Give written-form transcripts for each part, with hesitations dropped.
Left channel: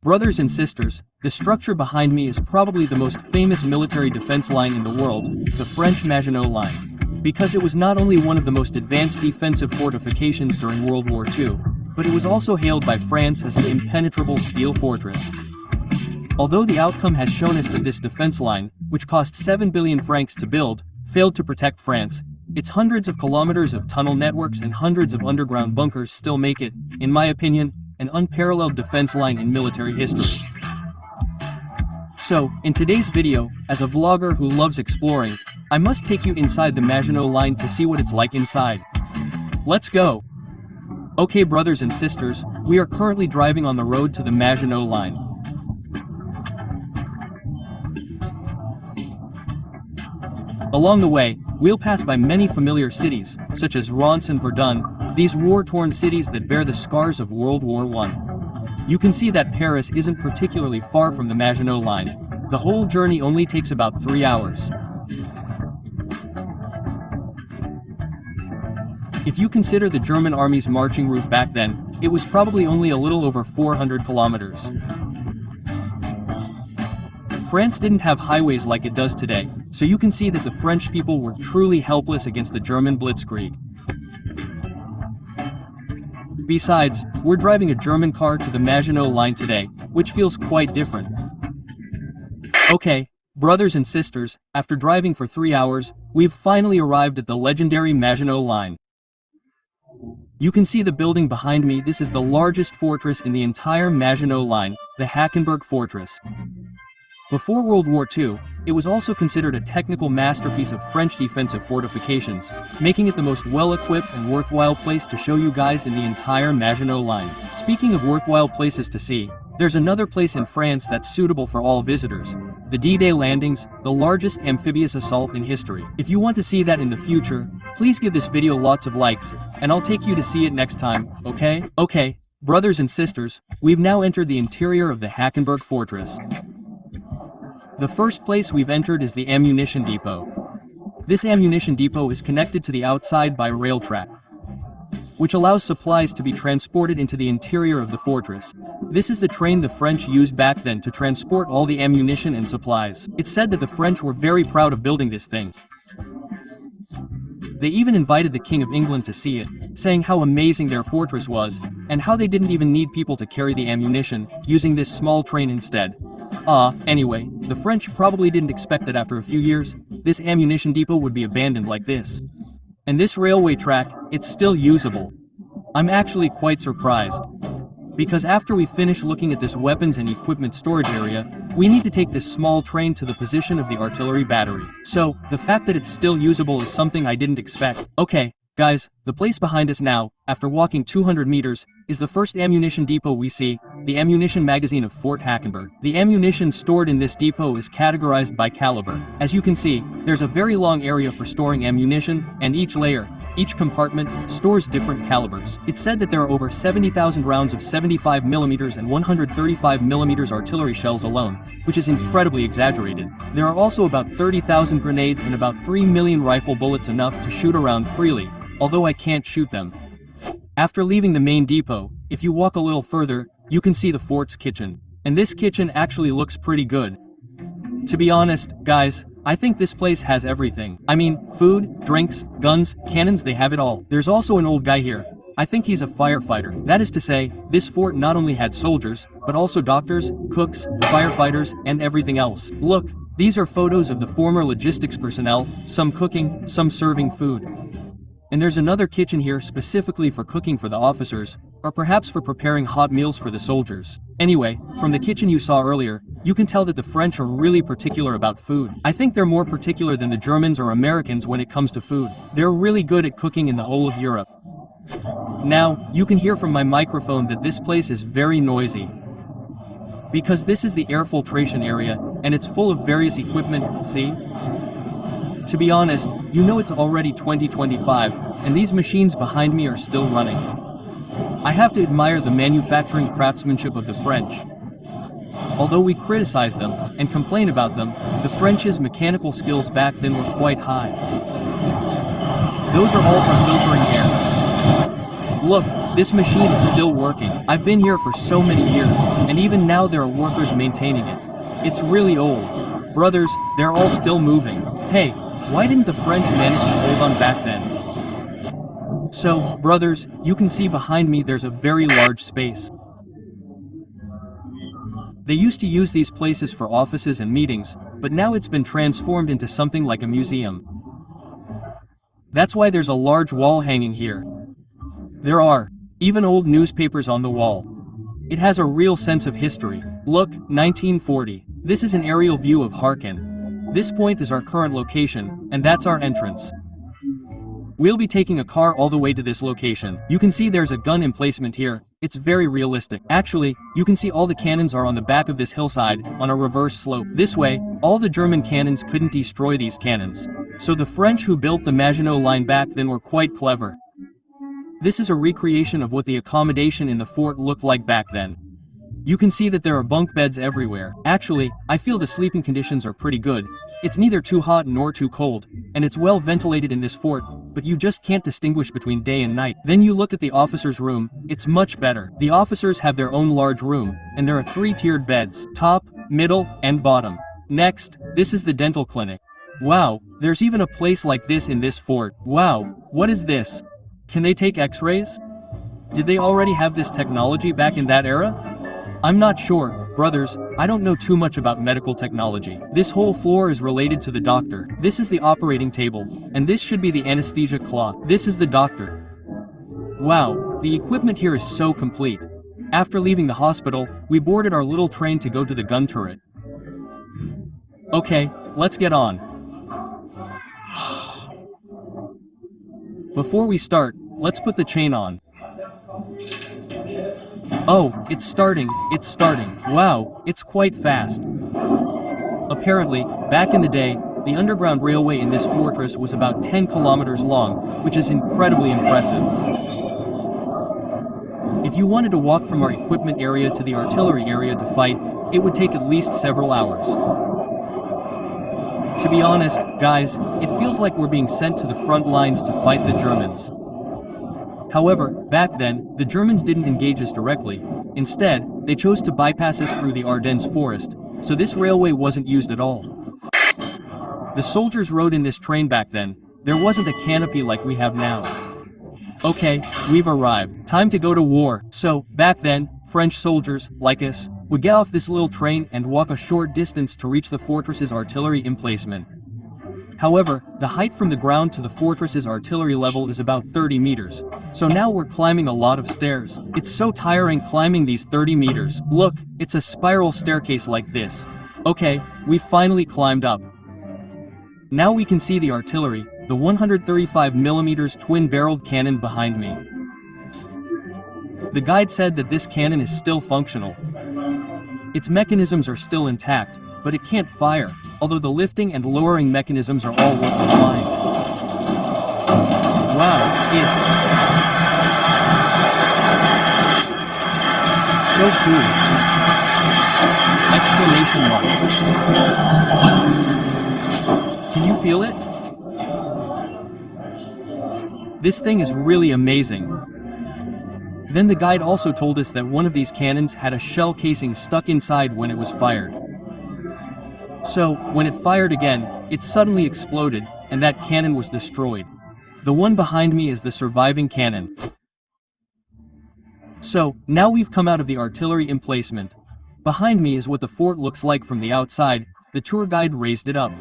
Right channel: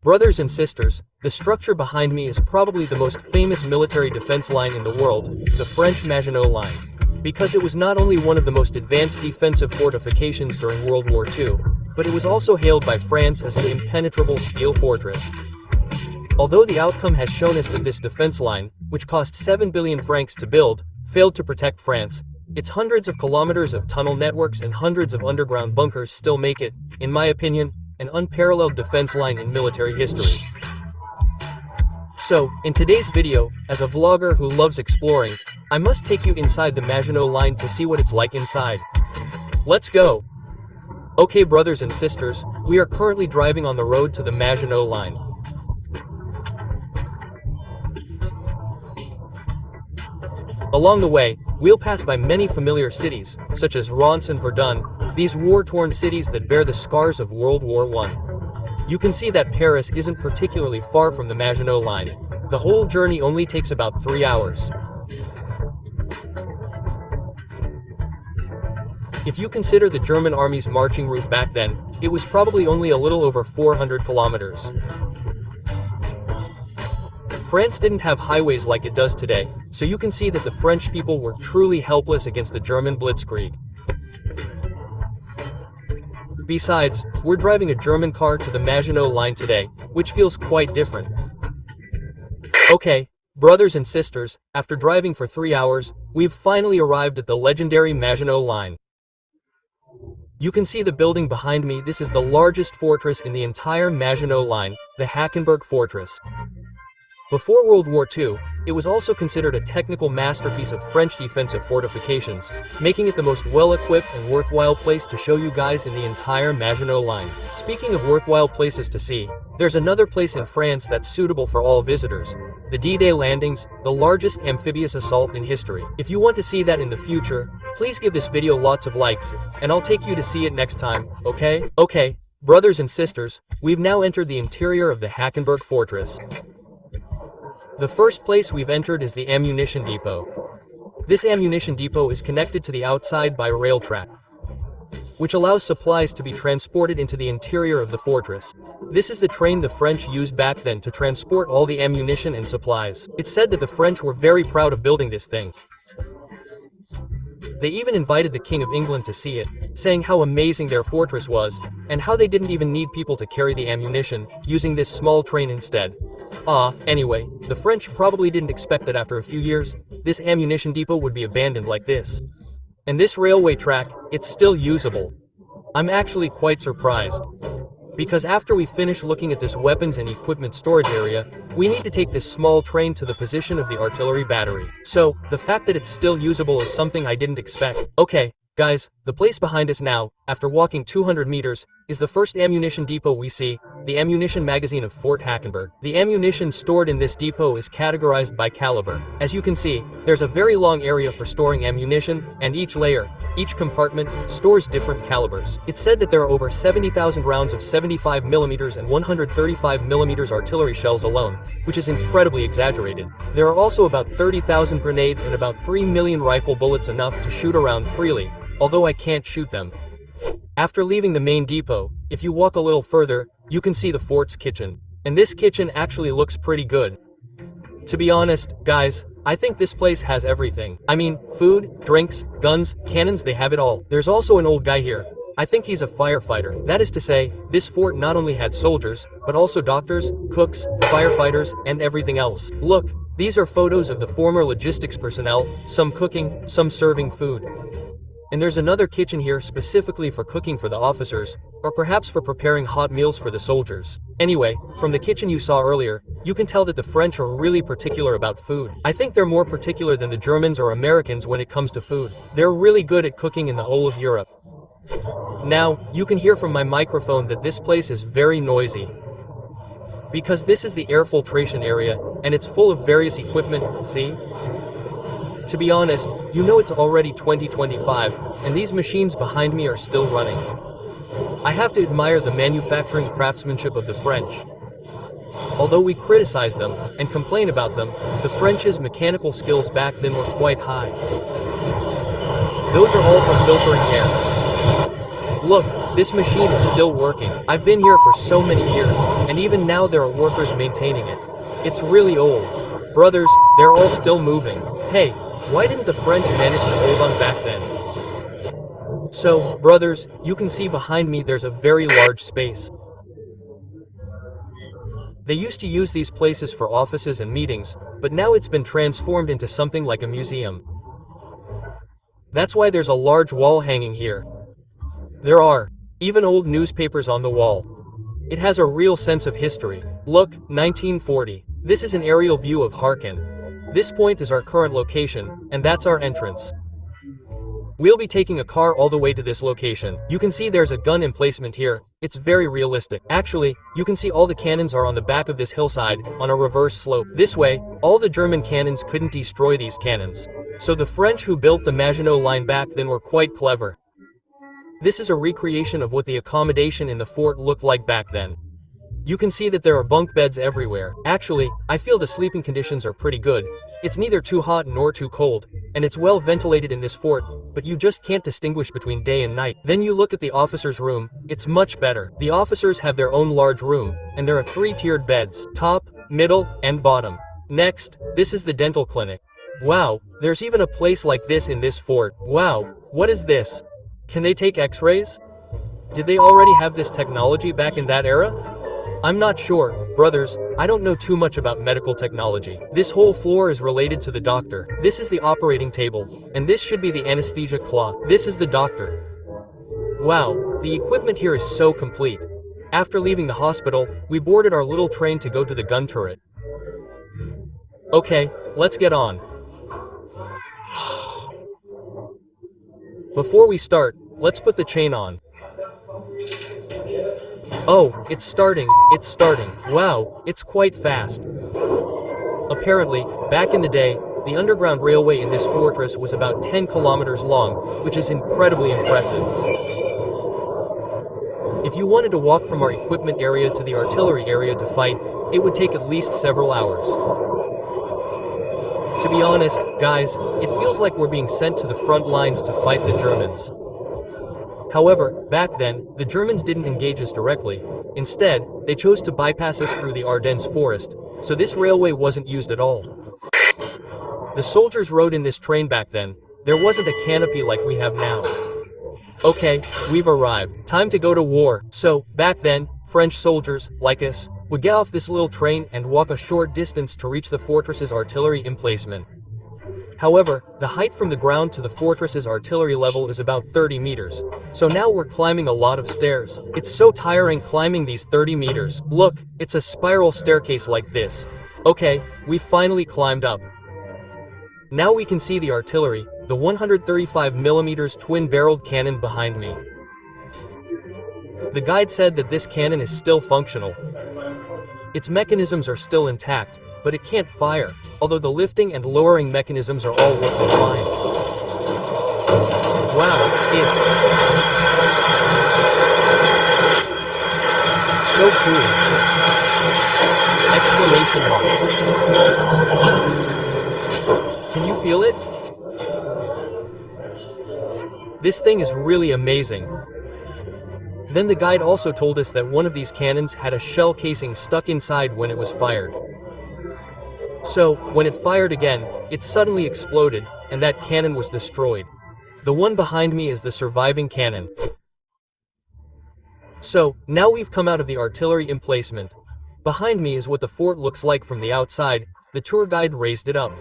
Brothers and sisters, the structure behind me is probably the most famous military defense line in the world, the French Maginot Line. Because it was not only one of the most advanced defensive fortifications during World War II, but it was also hailed by France as an impenetrable steel fortress. Although the outcome has shown us that this defense line, which cost 7 billion francs to build, failed to protect France, its hundreds of kilometers of tunnel networks and hundreds of underground bunkers still make it, in my opinion, an unparalleled defense line in military history. So, in today's video, as a vlogger who loves exploring, I must take you inside the Maginot Line to see what it's like inside. Let's go! Okay brothers and sisters, we are currently driving on the road to the Maginot Line. Along the way, we'll pass by many familiar cities, such as Reims and Verdun, these war-torn cities that bear the scars of World War I. You can see that Paris isn't particularly far from the Maginot Line. The whole journey only takes about 3 hours. If you consider the German army's marching route back then, it was probably only a little over 400 kilometers. France didn't have highways like it does today, so you can see that the French people were truly helpless against the German blitzkrieg. Besides, we're driving a German car to the Maginot Line today, which feels quite different. Okay, brothers and sisters, after driving for 3 hours, we've finally arrived at the legendary Maginot Line. You can see the building behind me. This is the largest fortress in the entire Maginot Line, the Hackenberg Fortress. Before World War II, it was also considered a technical masterpiece of French defensive fortifications, making it the most well-equipped and worthwhile place to show you guys in the entire Maginot Line. Speaking of worthwhile places to see, there's another place in France that's suitable for all visitors, the D-Day landings, the largest amphibious assault in history. If you want to see that in the future, please give this video lots of likes, and I'll take you to see it next time, okay? Okay, brothers and sisters, we've now entered the interior of the Hackenberg Fortress. The first place we've entered is the ammunition depot. This ammunition depot is connected to the outside by a rail track, which allows supplies to be transported into the interior of the fortress. This is the train the French used back then to transport all the ammunition and supplies. It's said that the French were very proud of building this thing. They even invited the King of England to see it, saying how amazing their fortress was, and how they didn't even need people to carry the ammunition, using this small train instead. Anyway, the French probably didn't expect that after a few years, this ammunition depot would be abandoned like this. And this railway track, it's still usable. I'm actually quite surprised. Because after we finish looking at this weapons and equipment storage area, we need to take this small train to the position of the artillery battery. So, the fact that it's still usable is something I didn't expect. Okay, guys, the place behind us now, after walking 200 meters, is the first ammunition depot we see, the ammunition magazine of Fort Hackenberg. The ammunition stored in this depot is categorized by caliber. As you can see, there's a very long area for storing ammunition, and each layer, each compartment, stores different calibers. It's said that there are over 70,000 rounds of 75mm and 135mm artillery shells alone, which is incredibly exaggerated. There are also about 30,000 grenades and about 3 million rifle bullets, enough to shoot around freely, although I can't shoot them. After leaving the main depot, if you walk a little further, you can see the fort's kitchen. And this kitchen actually looks pretty good. To be honest, guys, I think this place has everything. I mean, food, drinks, guns, cannons, they have it all. There's also an old guy here. I think he's a firefighter. That is to say, this fort not only had soldiers, but also doctors, cooks, firefighters, and everything else. Look, these are photos of the former logistics personnel, some cooking, some serving food. And there's another kitchen here specifically for cooking for the officers, or perhaps for preparing hot meals for the soldiers. Anyway, from the kitchen you saw earlier, you can tell that the French are really particular about food. I think they're more particular than the Germans or Americans when it comes to food. They're really good at cooking in the whole of Europe. Now, you can hear from my microphone that this place is very noisy. Because this is the air filtration area, and it's full of various equipment, see? To be honest, you know it's already 2025, and these machines behind me are still running. I have to admire the manufacturing craftsmanship of the French. Although we criticize them, and complain about them, the French's mechanical skills back then were quite high. Those are all for filtering air. Look, this machine is still working. I've been here for so many years, and even now there are workers maintaining it. It's really old. Brothers, they're all still moving. Hey, why didn't the French manage to hold on back then? So, brothers, you can see behind me there's a very large space. They used to use these places for offices and meetings, but now it's been transformed into something like a museum. That's why there's a large wall hanging here. There are even old newspapers on the wall. It has a real sense of history. Look, 1940. This is an aerial view of Harkin. This point is our current location, and that's our entrance. We'll be taking a car all the way to this location. You can see there's a gun emplacement here. It's very realistic. Actually, you can see all the cannons are on the back of this hillside, on a reverse slope. This way, all the German cannons couldn't destroy these cannons. So the French who built the Maginot Line back then were quite clever. This is a recreation of what the accommodation in the fort looked like back then. You can see that there are bunk beds everywhere. Actually, I feel the sleeping conditions are pretty good. It's neither too hot nor too cold, and it's well ventilated in this fort, but you just can't distinguish between day and night. Then you look at the officers' room, it's much better. The officers have their own large room, and there are 3-tiered beds, top, middle, and bottom. Next, this is the dental clinic. Wow, there's even a place like this in this fort. Wow, what is this? Can they take x-rays? Did they already have this technology back in that era? I'm not sure, brothers, I don't know too much about medical technology. This whole floor is related to the doctor. This is the operating table, and this should be the anesthesia cloth. This is the doctor. Wow, the equipment here is so complete. After leaving the hospital, we boarded our little train to go to the gun turret. Okay, let's get on. Before we start, let's put the chain on. Oh, it's starting. Wow, it's quite fast. Apparently, back in the day, the underground railway in this fortress was about 10 kilometers long, which is incredibly impressive. If you wanted to walk from our equipment area to the artillery area to fight, it would take at least several hours. To be honest, guys, it feels like we're being sent to the front lines to fight the Germans. However, back then, the Germans didn't engage us directly. Instead, they chose to bypass us through the Ardennes forest, so this railway wasn't used at all. The soldiers rode in this train back then. There wasn't a canopy like we have now. Okay, we've arrived. Time to go to war. So, back then, French soldiers, like us, would get off this little train and walk a short distance to reach the fortress's artillery emplacement. However, the height from the ground to the fortress's artillery level is about 30 meters, so now we're climbing a lot of stairs. It's so tiring climbing these 30 meters. Look, it's a spiral staircase like this. Okay, we finally climbed up. Now we can see the artillery, the 135mm twin-barreled cannon behind me. The guide said that this cannon is still functional. Its mechanisms are still intact, but it can't fire, although the lifting and lowering mechanisms are all working fine. Wow, it's so cool! Exclamation mark. Can you feel it? This thing is really amazing. Then the guide also told us that one of these cannons had a shell casing stuck inside when it was fired. So, when it fired again, it suddenly exploded, and that cannon was destroyed. The one behind me is the surviving cannon. So, now we've come out of the artillery emplacement. Behind me is what the fort looks like from the outside. The tour guide raised it up.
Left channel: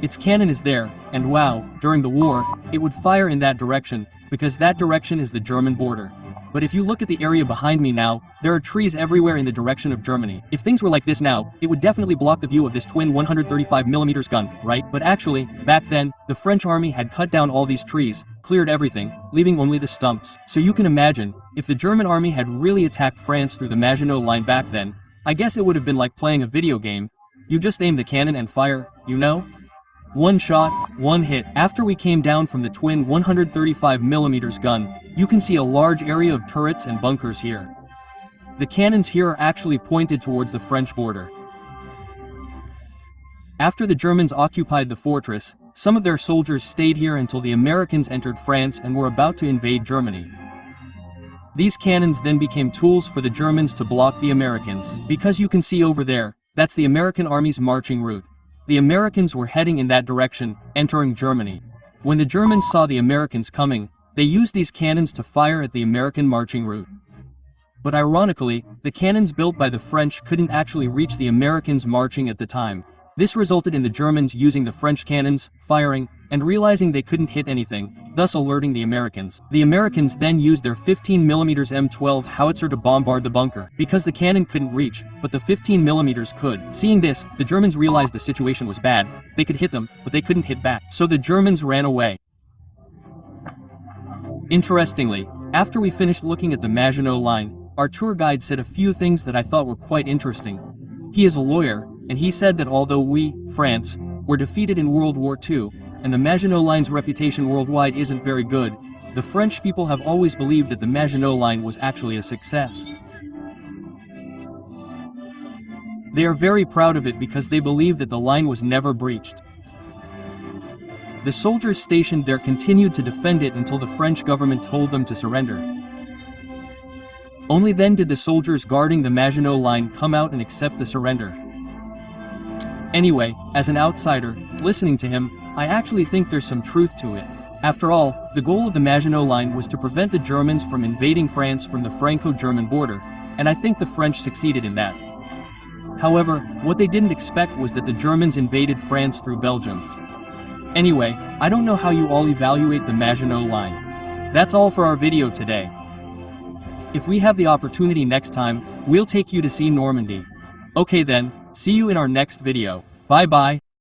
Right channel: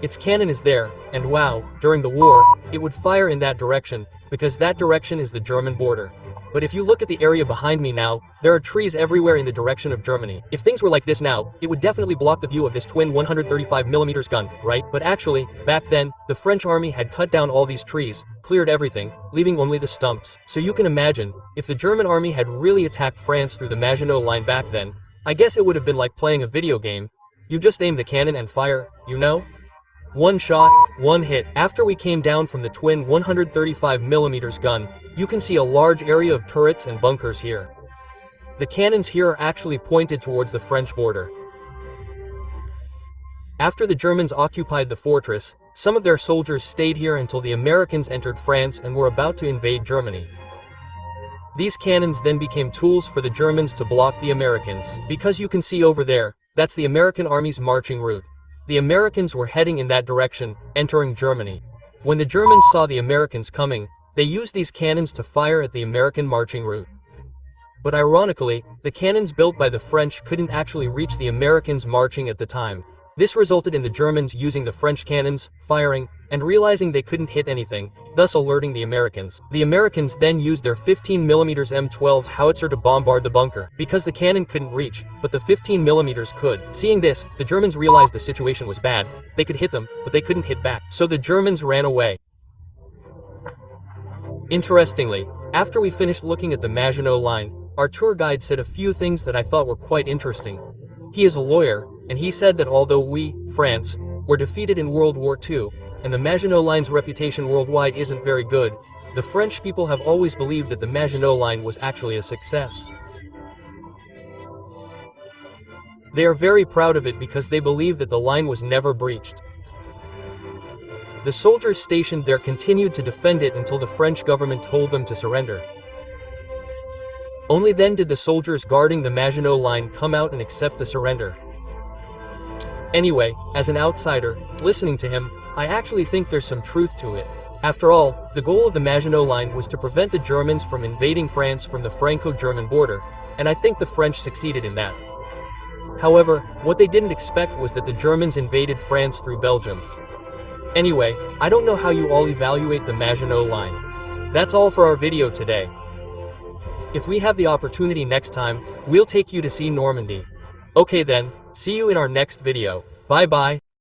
Its cannon is there, and wow, during the war, it would fire in that direction, because that direction is the German border. But if you look at the area behind me now, there are trees everywhere in the direction of Germany. If things were like this now, it would definitely block the view of this twin 135mm gun, right? But actually, back then, the French army had cut down all these trees, cleared everything, leaving only the stumps. So you can imagine, if the German army had really attacked France through the Maginot Line back then, I guess it would have been like playing a video game. You just aim the cannon and fire, you know? One shot, one hit. After we came down from the twin 135mm gun, you can see a large area of turrets and bunkers here. The cannons here are actually pointed towards the French border. After the Germans occupied the fortress, Some of their soldiers stayed here until the Americans entered France and were about to invade Germany. These cannons then became tools for the Germans to block the Americans. Because you can see over there, that's the American army's marching route. The Americans were heading in that direction, entering Germany. When the Germans saw the Americans coming, they used these cannons to fire at the American marching route. But ironically, the cannons built by the French couldn't actually reach the Americans marching at the time. This resulted in the Germans using the French cannons, firing, and realizing they couldn't hit anything, thus alerting the Americans. The Americans then used their 15mm M12 howitzer to bombard the bunker, because the cannon couldn't reach, but the 15mm could. Seeing this, the Germans realized the situation was bad. They could hit them, but they couldn't hit back. So the Germans ran away. Interestingly, after we finished looking at the Maginot Line, our tour guide said a few things that I thought were quite interesting. He is a lawyer, and he said that although we, France, were defeated in World War II, and the Maginot Line's reputation worldwide isn't very good, the French people have always believed that the Maginot Line was actually a success. They are very proud of it because they believe that the line was never breached. The soldiers stationed there continued to defend it until the French government told them to surrender. Only then did the soldiers guarding the Maginot Line come out and accept the surrender. Anyway, as an outsider, listening to him, I actually think there's some truth to it. After all, the goal of the Maginot Line was to prevent the Germans from invading France from the Franco-German border, and I think the French succeeded in that. However, what they didn't expect was that the Germans invaded France through Belgium. Anyway, I don't know how you all evaluate the Maginot Line. That's all for our video today. If we have the opportunity next time, we'll take you to see Normandy. Okay then, see you in our next video. Bye bye.